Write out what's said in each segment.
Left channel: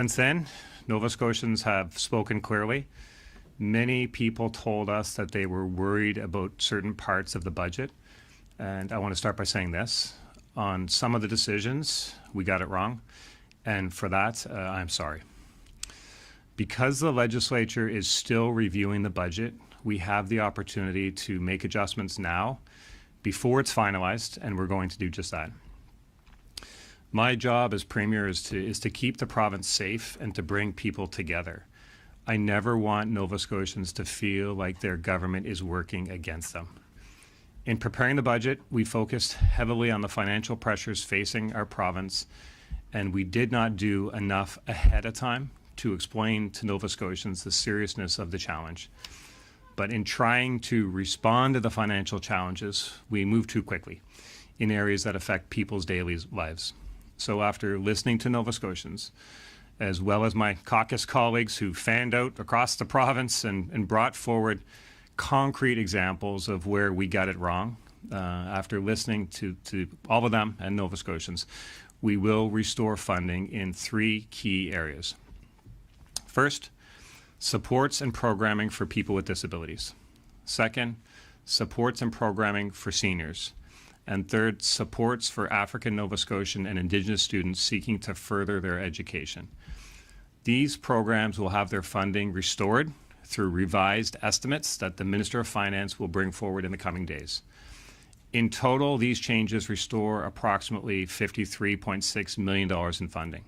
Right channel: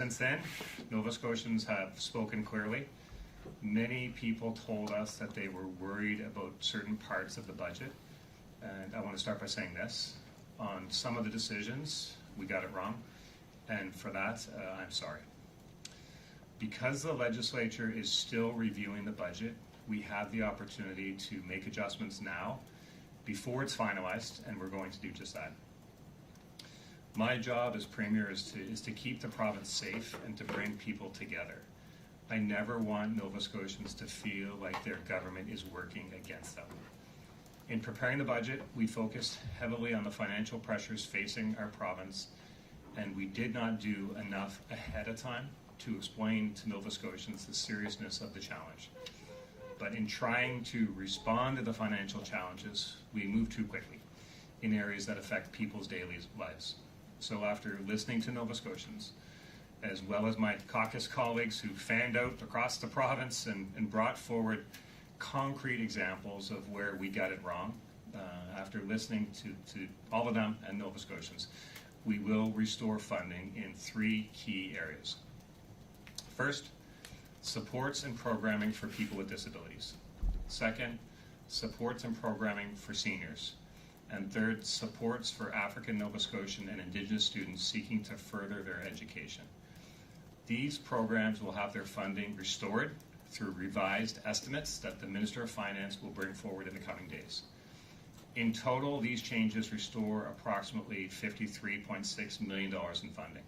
Since then, Nova Scotians have spoken clearly. Many people told us that they were worried about certain parts of the budget. And I want to start by saying this. On some of the decisions, we got it wrong. And for that, I'm sorry. Because the legislature is still reviewing the budget, we have the opportunity to make adjustments now before it's finalized, and we're going to do just that. My job as Premier is to keep the province safe and to bring people together. I never want Nova Scotians to feel like their government is working against them. In preparing the budget, we focused heavily on the financial pressures facing our province, and we did not do enough ahead of time to explain to Nova Scotians the seriousness of the challenge. But in trying to respond to the financial challenges, we moved too quickly in areas that affect people's daily lives. So after listening to Nova Scotians, as well as my caucus colleagues who fanned out across the province and brought forward concrete examples of where we got it wrong, after listening to all of them and Nova Scotians, we will restore funding in 3 key areas. First, supports and programming for people with disabilities. Second, supports and programming for seniors. And third, supports for African, Nova Scotian, and Indigenous students seeking to further their education. These programs will have their funding restored through revised estimates that the Minister of Finance will bring forward in the coming days. In total, these changes restore approximately $53.6 million in funding.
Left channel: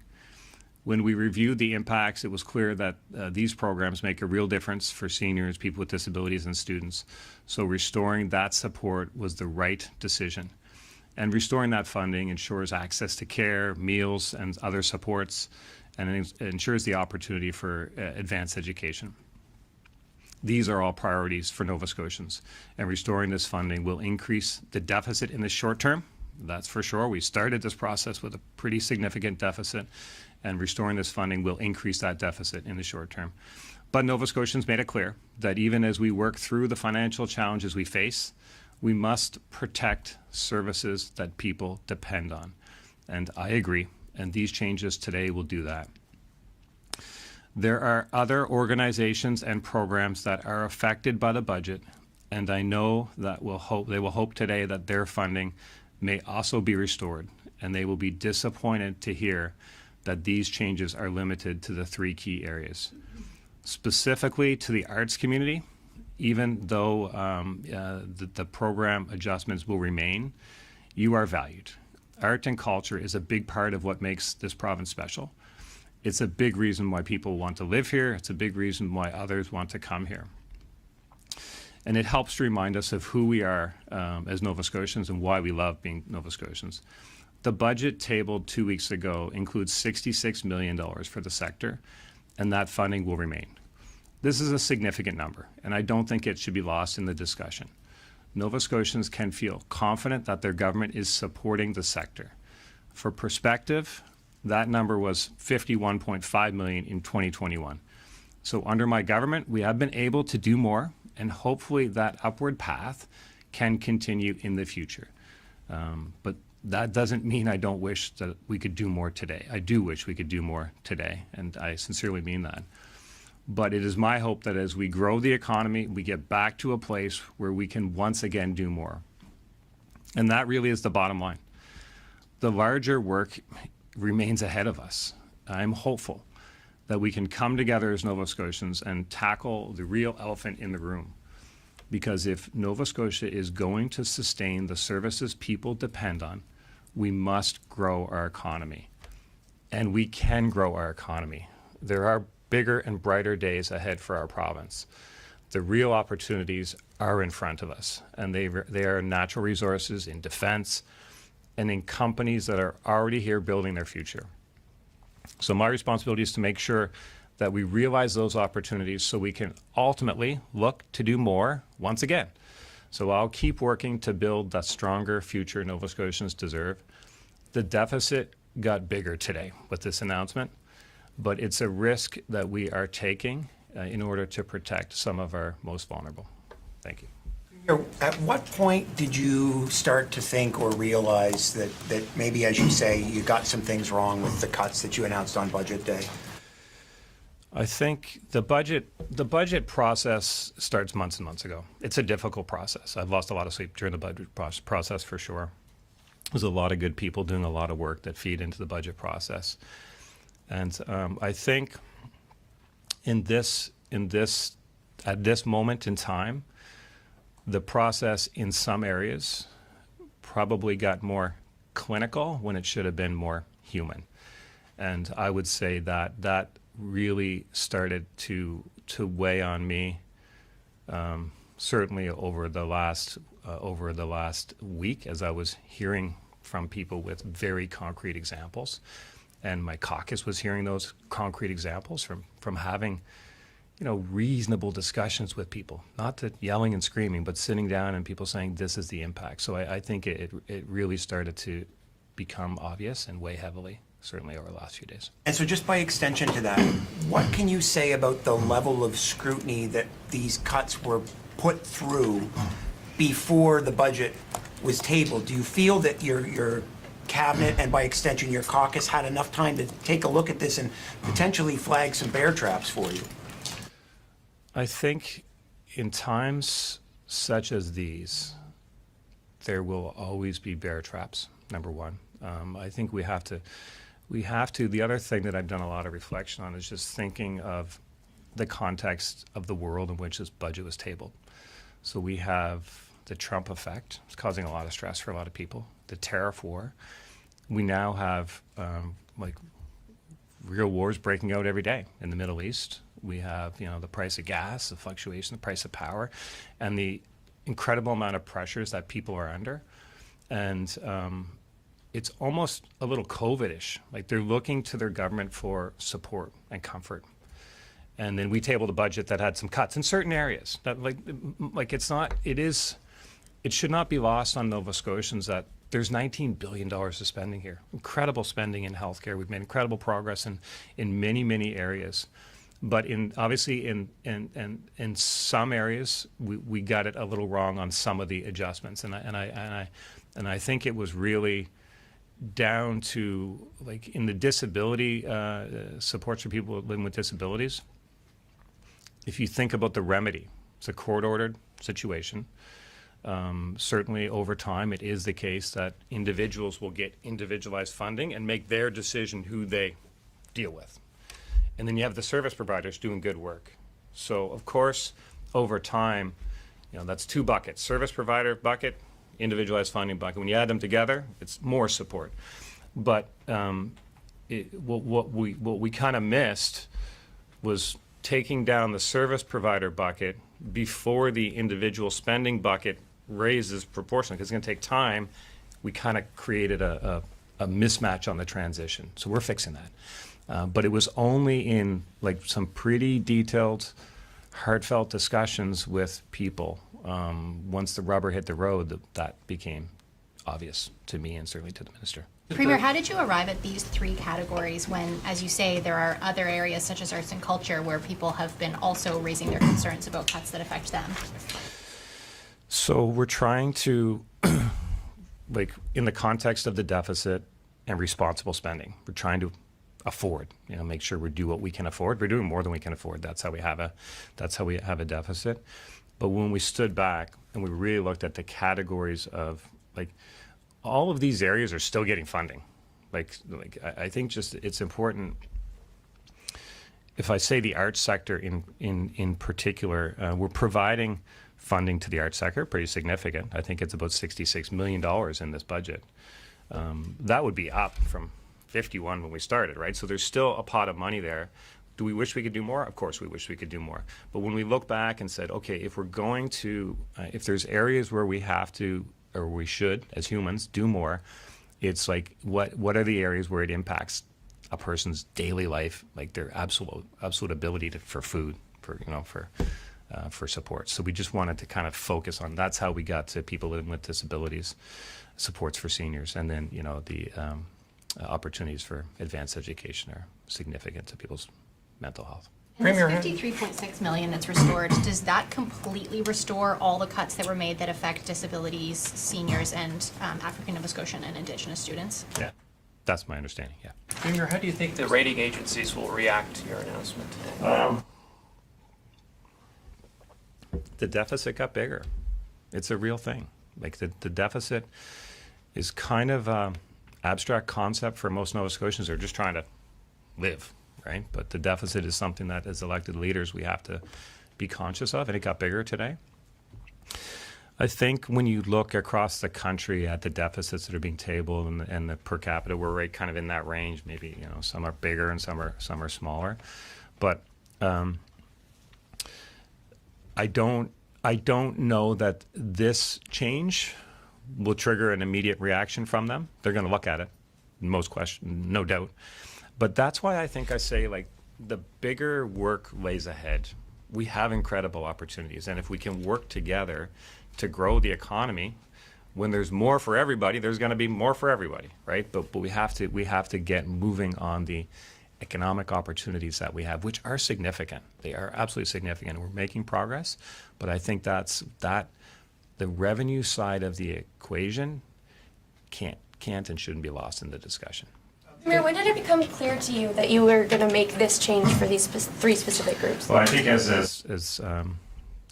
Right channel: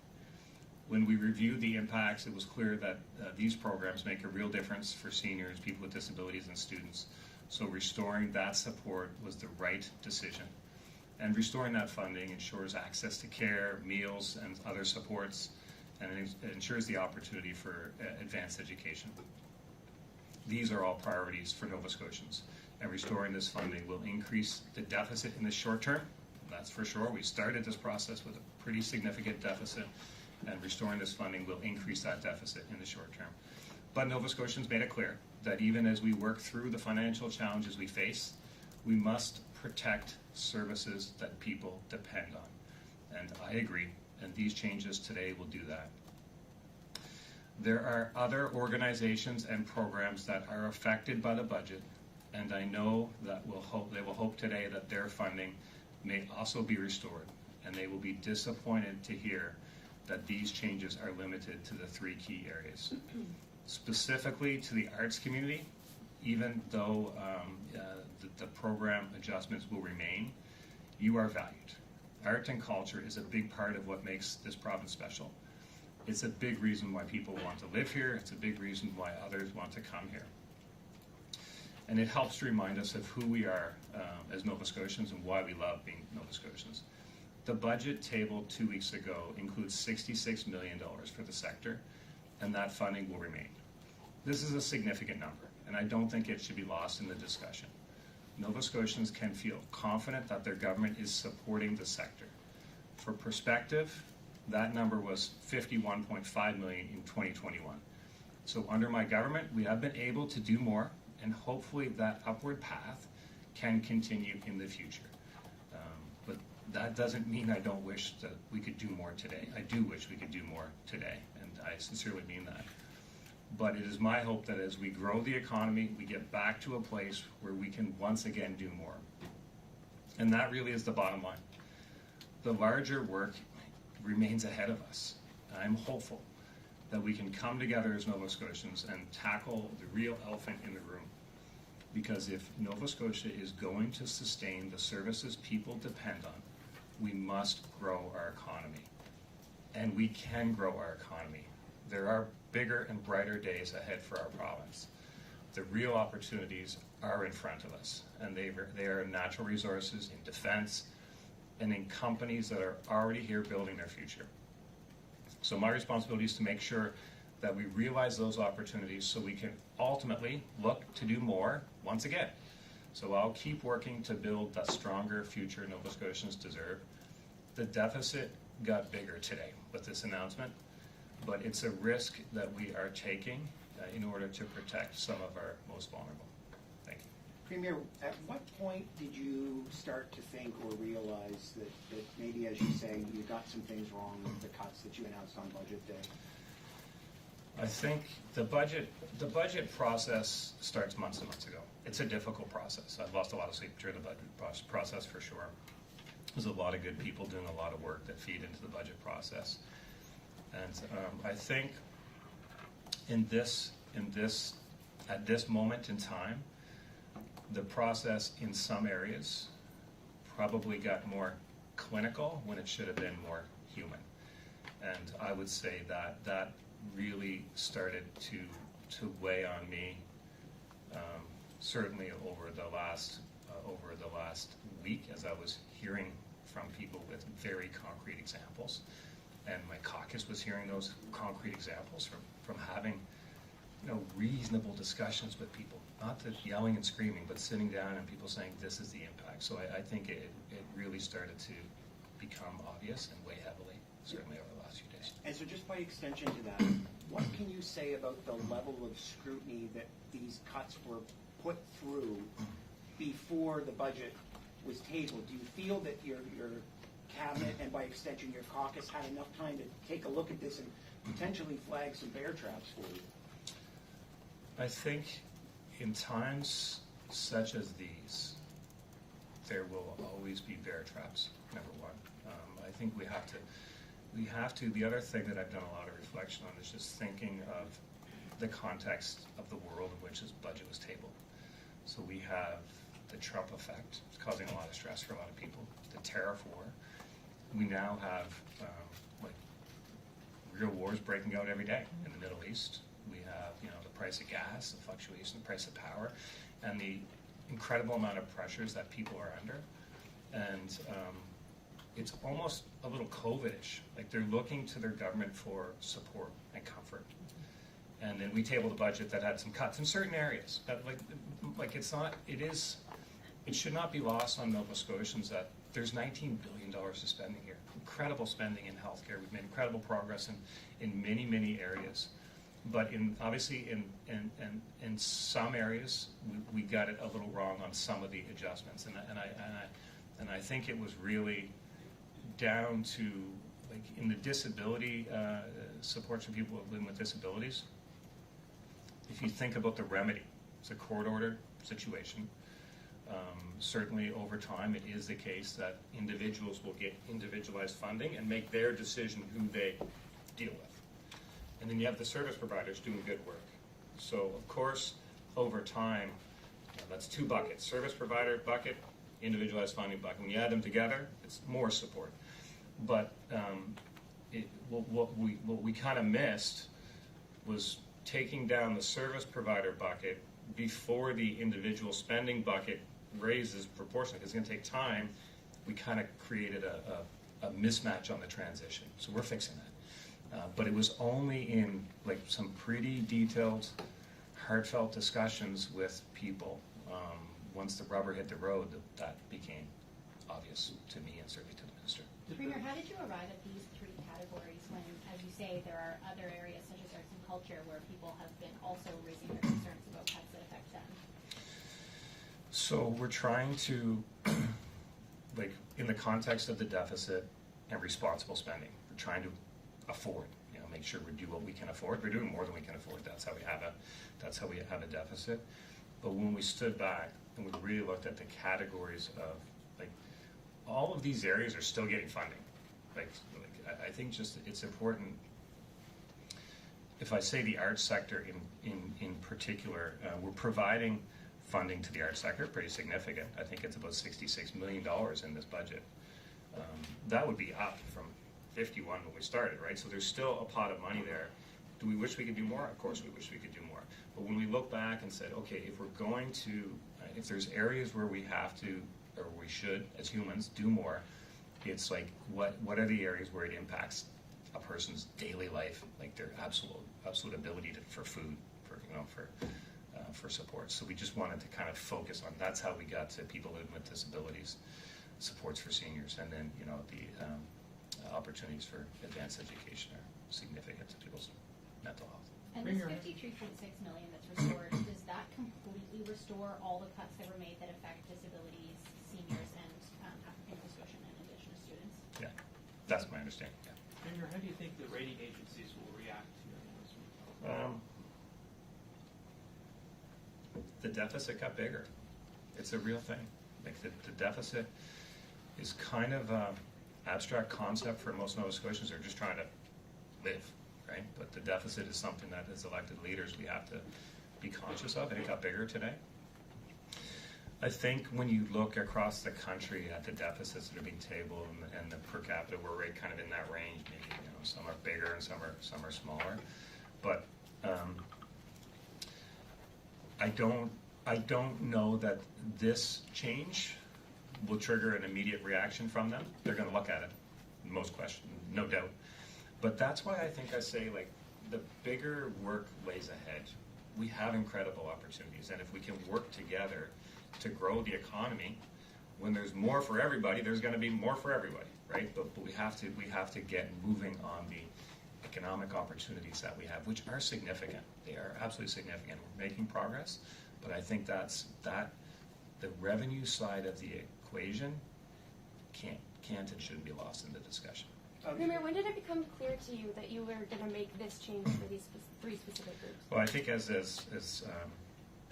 When we reviewed the impacts, it was clear that these programs make a real difference for seniors, people with disabilities, and students. So restoring that support was the right decision. And restoring that funding ensures access to care, meals, and other supports, and it ensures the opportunity for advanced education. These are all priorities for Nova Scotians, and restoring this funding will increase the deficit in the short term. That's for sure. We started this process with a pretty significant deficit, and restoring this funding will increase that deficit in the short term. But Nova Scotians made it clear that even as we work through the financial challenges we face, we must protect services that people depend on. And I agree, and these changes today will do that. There are other organizations and programs that are affected by the budget, and I know that they will hope today that their funding may also be restored, and they will be disappointed to hear that these changes are limited to the 3 key areas. Specifically to the arts community, even though the program adjustments will remain, you are valued. Art and culture is a big part of what makes this province special. It's a big reason why people want to live here. It's a big reason why others want to come here. And it helps to remind us of who we are as Nova Scotians and why we love being Nova Scotians. The budget tabled 2 weeks ago includes $66 million for the sector, and that funding will remain. This is a significant number, and I don't think it should be lost in the discussion. Nova Scotians can feel confident that their government is supporting the sector. For perspective, that number was $51.5 million in 2021. So under my government, we have been able to do more, and hopefully that upward path can continue in the future. But that doesn't mean I don't wish that we could do more today. I do wish we could do more today, and I sincerely mean that. But it is my hope that as we grow the economy, we get back to a place where we can once again do more. And that really is the bottom line. The larger work remains ahead of us. I'm hopeful that we can come together as Nova Scotians and tackle the real elephant in the room. Because if Nova Scotia is going to sustain the services people depend on, we must grow our economy. And we can grow our economy. There are bigger and brighter days ahead for our province. The real opportunities are in front of us, and they are natural resources in defense and in companies that are already here building their future. So my responsibility is to make sure that we realize those opportunities so we can ultimately look to do more once again. So I'll keep working to build the stronger future Nova Scotians deserve. The deficit got bigger today with this announcement, but it's a risk that we are taking in order to protect some of our most vulnerable. Thank you. Premier, at what point did you start to think or realize that maybe, as you say, you got some things wrong with the cuts that you announced on budget day? I think the budget process starts months and months ago. It's a difficult process. I've lost a lot of sleep during the budget process for sure. There's a lot of good people doing a lot of work that feed into the budget process. And I think at this moment in time, the process in some areas probably got more clinical when it should have been more human. And I would say that really started to weigh on me, certainly over the last week, as I was hearing from people with very concrete examples, and my caucus was hearing those concrete examples from having, reasonable discussions with people, not the yelling and screaming, but sitting down and people saying this is the impact. So I think it really started to become obvious and weigh heavily, certainly over the last few days. And so just by extension to that, what can you say about the level of scrutiny that these cuts were put through before the budget was tabled? Do you feel that your cabinet and by extension your caucus had enough time to take a look at this and potentially flag some bear traps for you? I think in times such as these, there will always be bear traps, number one. I think we have to, the other thing that I've done a lot of reflection on is just thinking of the context of the world in which this budget was tabled. So we have the Trump effect. It's causing a lot of stress for a lot of people. The tariff war. We now have real wars breaking out every day in the Middle East. We have, the price of gas, the fluctuation, the price of power, and the incredible amount of pressures that people are under. And it's almost a little COVID-ish. Like they're looking to their government for support and comfort. And then we tabled a budget that had some cuts in certain areas. That it should not be lost on Nova Scotians that there's $19 billion of spending here. Incredible spending in healthcare. We've made incredible progress in many, many areas. But obviously in some areas we got it a little wrong on some of the adjustments, and I think it was really down to in the disability supports for people living with disabilities. If you think about the remedy, it's a court-ordered situation. Certainly over time it is the case that individuals will get individualized funding and make their decision who they deal with. And then you have the service providers doing good work. So of course, over time, that's two buckets: service provider bucket, individualized funding bucket. When you add them together, it's more support. But what we kind of missed was taking down the service provider bucket before the individual spending bucket raises proportionally, because it's going to take time. We kind of created a mismatch on the transition. So we're fixing that. But it was only in some pretty detailed, heartfelt discussions with people, once the rubber hit the road, that became obvious to me and certainly to the minister. Premier, how did you arrive at these three categories when, as you say, there are other areas such as arts and culture where people have been also raising their concerns about cuts that affect them? So we're trying to, in the context of the deficit and responsible spending, we're trying to afford, make sure we do what we can afford. We're doing more than we can afford. That's how we have a deficit. But when we stood back and we really looked at the categories of all of these areas are still getting funding. I think just it's important. If I say the arts sector in particular, we're providing funding to the arts sector, pretty significant. I think it's about $66 million in this budget. That would be up from 51 when we started, right? So there's still a pot of money there. Do we wish we could do more? Of course we wish we could do more. But when we look back and said, okay, if we're going to, if there's areas where we have to, or we should, as humans, do more, it's what are the areas where it impacts a person's daily life, their absolute ability for food, for support. So we just wanted to kind of focus on, that's how we got to people living with disabilities, supports for seniors, and then, the opportunities for advanced education are significant to people's mental health. And this $53.6 million that's restored, does that completely restore all the cuts that were made that affect disabilities, seniors, and African Nova Scotian and Indigenous students? Yeah. That's my understanding, yeah. Premier, how do you think the rating agencies will react to your announcement? The deficit got bigger. It's a real thing. Like the deficit is kind of a abstract concept for most Nova Scotians. They're just trying to live, right? But the deficit is something that as elected leaders we have to be conscious of, and it got bigger today. I think when you look across the country at the deficits that are being tabled and the per capita, we're right kind of in that range. Maybe some are bigger and some are smaller, but I don't know that this change will trigger an immediate reaction from them. They're going to look at it, no doubt. But that's why I think I say, like, the bigger work lays ahead. We have incredible opportunities, and if we can work together to grow the economy, when there's more for everybody, there's going to be more for everybody, right? But we have to get moving on the economic opportunities that we have, which are significant. They are absolutely significant. We're making progress, but I think that the revenue side of the equation can't and shouldn't be lost in the discussion. Premier, when did it become clear to you that you were going to make this change for these three specific groups? Well, I think as I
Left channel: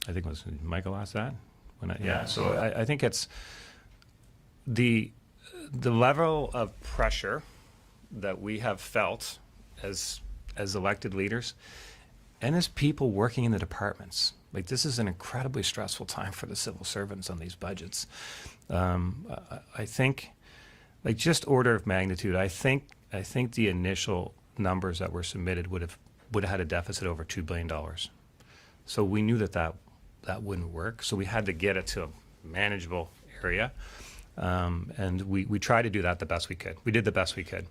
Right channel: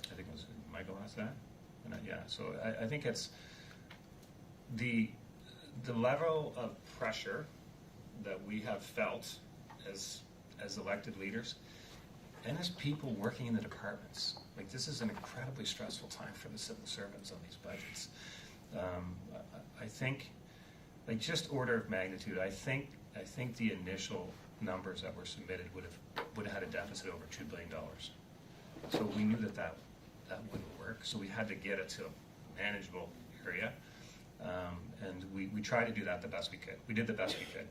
think it was Michael asked that. So I think it's the level of pressure that we have felt as elected leaders and as people working in the departments. Like, this is an incredibly stressful time for the civil servants on these budgets. I think, like, just order of magnitude, I think the initial numbers that were submitted would have had a deficit over $2 billion. So we knew that wouldn't work. So we had to get it to a manageable area, and we tried to do that the best we could. We did the best we could.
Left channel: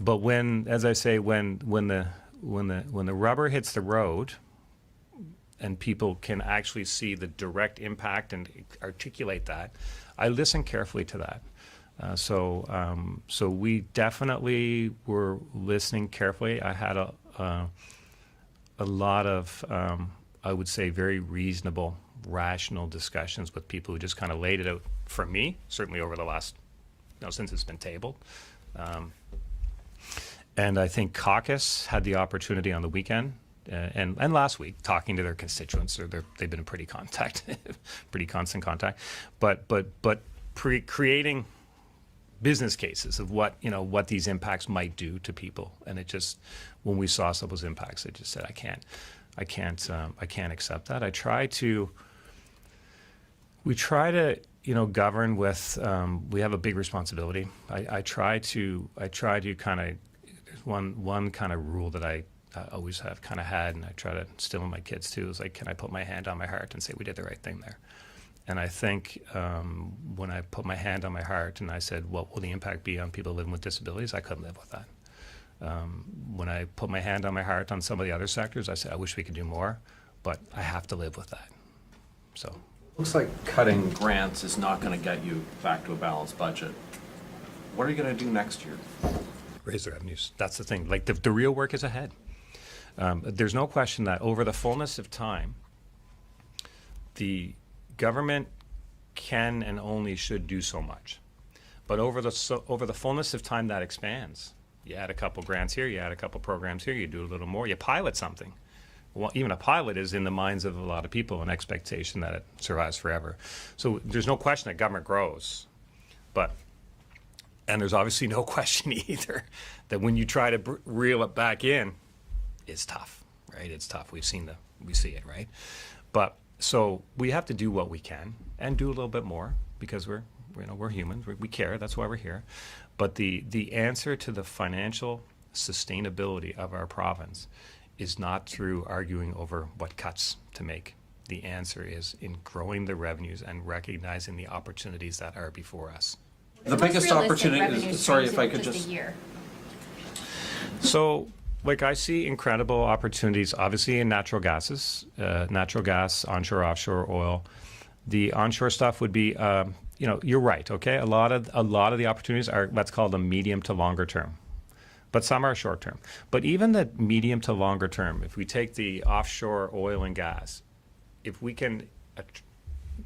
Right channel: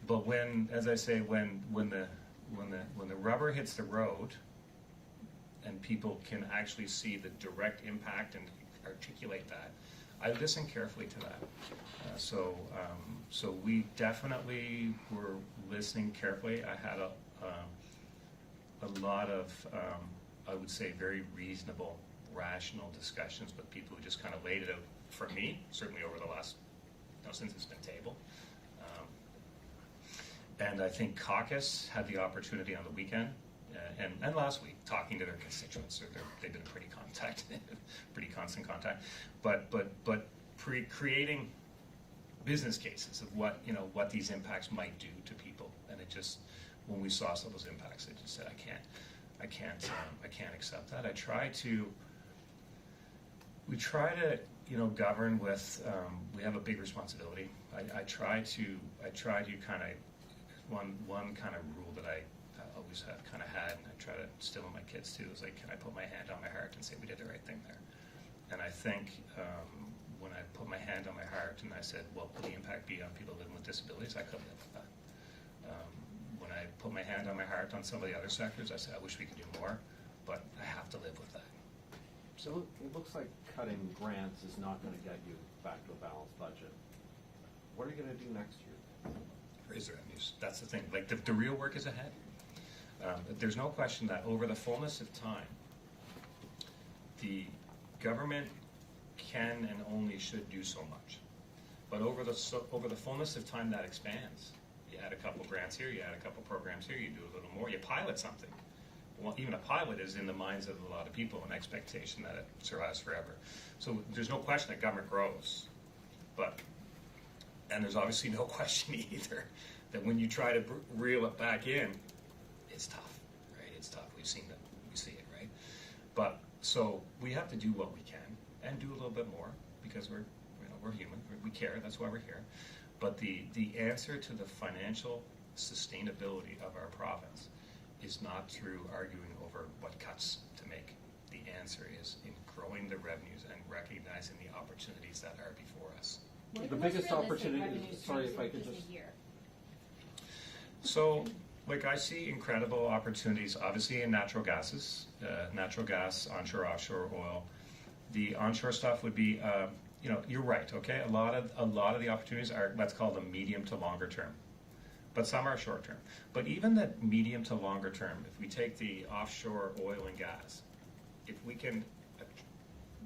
But when the rubber hits the road, and people can actually see the direct impact and articulate that, I listen carefully to that. So we definitely were listening carefully. I had a lot of, I would say, very reasonable, rational discussions with people who just kind of laid it out for me, certainly over the last, since it's been tabled. And I think caucus had the opportunity on the weekend and last week, talking to their constituents. They've been in pretty constant contact, but creating business cases of what these impacts might do to people. And it just, when we saw some of those impacts, it just said, I can't accept that. We try to govern with, we have a big responsibility. I try to kind of, one kind of rule that I always have kind of had, and I try to instill in my kids too, is like, can I put my hand on my heart and say we did the right thing there? And I think when I put my hand on my heart and I said, what will the impact be on people living with disabilities, I couldn't live with that. When I put my hand on my heart on some of the other sectors, I said, I wish we could do more, but I have to live with that. So it looks like cutting grants is not going to get you back to a balanced budget. What are you going to do next year? Raise the revenues. That's the thing. Like, the real work is ahead. There's no question that over the fullness of time, the government can and only should do so much. But over the fullness of time, that expands. You add a couple grants here, you add a couple programs here, you do a little more, you pilot something. Well, even a pilot is in the minds of a lot of people an expectation that it survives forever. So there's no question that government grows. And there's obviously no question either that when you try to reel it back in, it's tough, right? It's tough. We see it, right? But so we have to do what we can and do a little bit more because we're humans. We care. That's why we're here. But the answer to the financial sustainability of our province is not through arguing over what cuts to make. The answer is in growing the revenues and recognizing the opportunities that are before us. The biggest opportunity is, sorry if I could just. So, like, I see incredible opportunities, obviously, in natural gas, onshore, offshore oil. The onshore stuff would be, you're right, okay? A lot of the opportunities are, let's call them medium to longer term, but some are short term. But even the medium to longer term, if we take the offshore oil and gas, if we can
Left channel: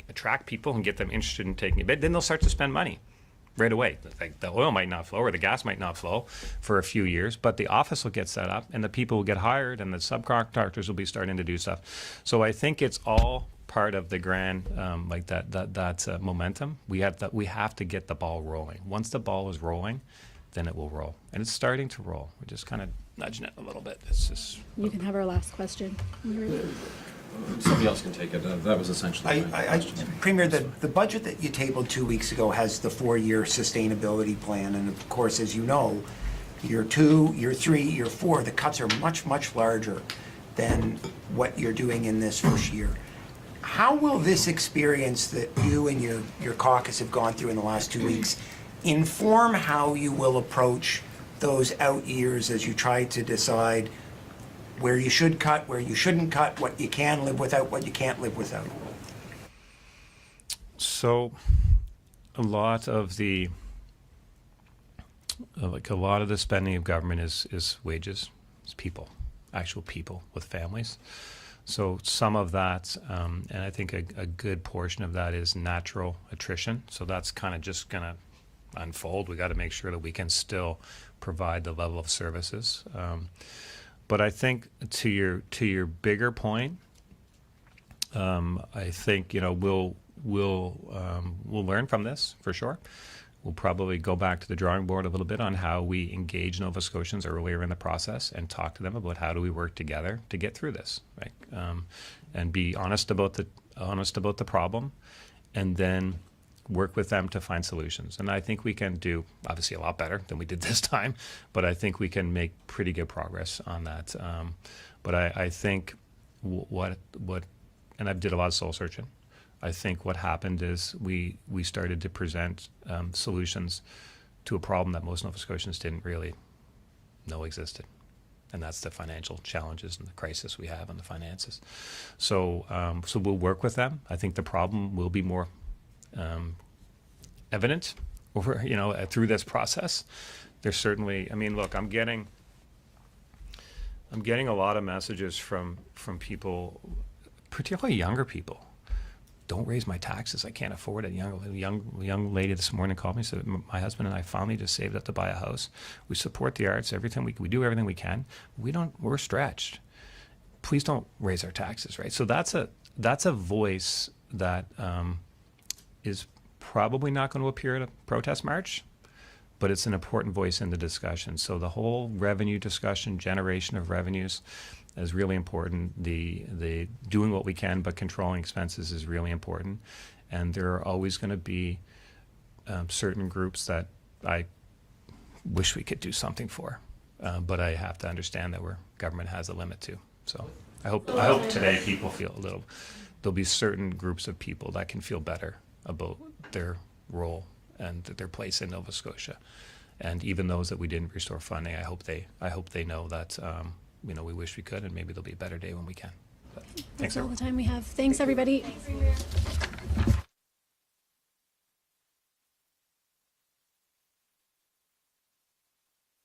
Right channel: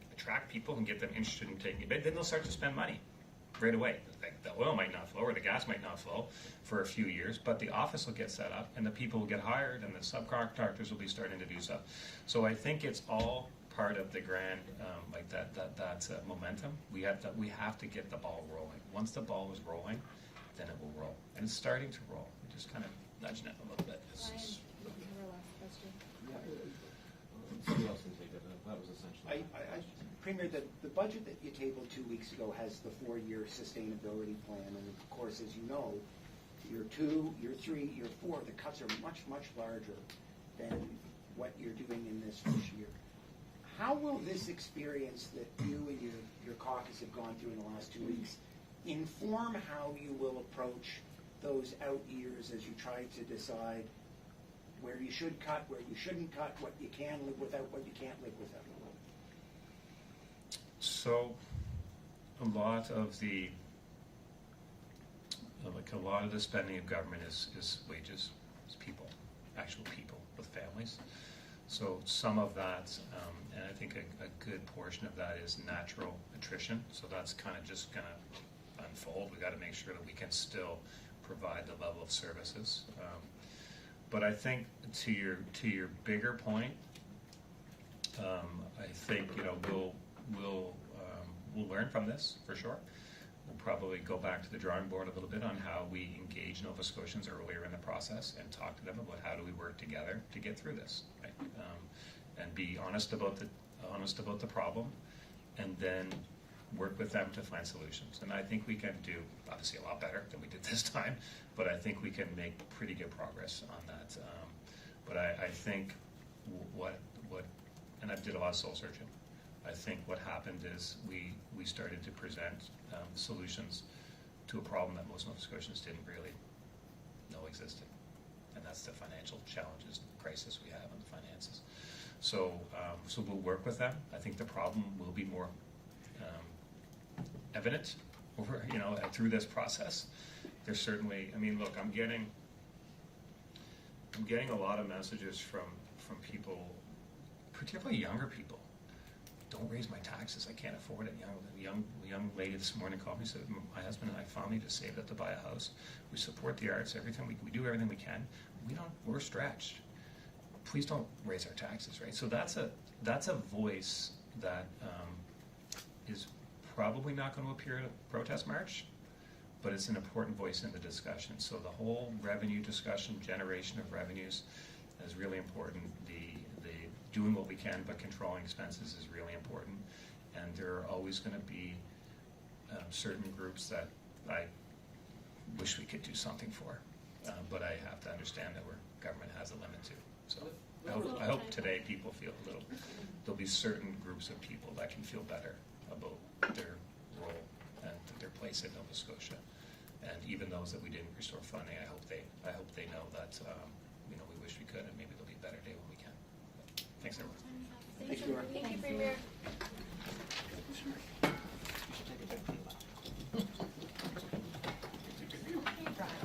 attract people and get them interested in taking it, then they'll start to spend money. right away. Like, the oil might not flow or the gas might not flow for a few years, but the office will get set up and the people will get hired and the subcontractors will be starting to do stuff. So I think it's all part of the grand, like that momentum. We have to get the ball rolling. Once the ball is rolling, then it will roll. And it's starting to roll. We're just kind of nudging it a little bit. It's just... You can have our last question. Somebody else can take it. That was essentially my question. Premier, the budget that you tabled 2 weeks ago has the 4-year sustainability plan, and of course, as you know, year 2, year 3, year 4, the cuts are much, much larger than what you're doing in this first year. How will this experience that you and your caucus have gone through in the last 2 weeks inform how you will approach those out years as you try to decide where you should cut, where you shouldn't cut, what you can live without, what you can't live without? So a lot of the spending of government is wages, it's people, actual people with families. So some of that, and I think a good portion of that is natural attrition. So that's kind of just going to unfold. We got to make sure that we can still provide the level of services. But I think to your bigger point, I think we'll learn from this for sure. We'll probably go back to the drawing board a little bit on how we engage Nova Scotians earlier in the process and talk to them about how do we work together to get through this, right? And be honest about the problem, and then work with them to find solutions. And I think we can do obviously a lot better than we did this time, but I think we can make pretty good progress on that. But I think what and I did a lot of soul searching. I think what happened is we started to present solutions to a problem that most Nova Scotians didn't really know existed. And that's the financial challenges and the crisis we have on the finances. So we'll work with them. I think the problem will be more evident over, through this process. There's certainly, look, I'm getting a lot of messages from people, particularly younger people. Don't raise my taxes. I can't afford it. Young lady this morning called me, said, my husband and I finally just saved up to buy a house. We support the arts. We do everything we can. We're stretched. Please don't raise our taxes, right? So that's a voice that is probably not going to appear at a protest march, but it's an important voice in the discussion. So the whole revenue discussion, generation of revenues, is really important. The doing what we can but controlling expenses is really important, and there are always going to be certain groups that I wish we could do something for, but I have to understand that government has a limit too. So I hope today people feel there'll be certain groups of people that can feel better about their role and their place in Nova Scotia, and even those that we didn't restore funding, I hope they know that we wish we could, and maybe there'll be a better day when we can. But thanks, That's all everyone. the time we have. Thanks, everybody.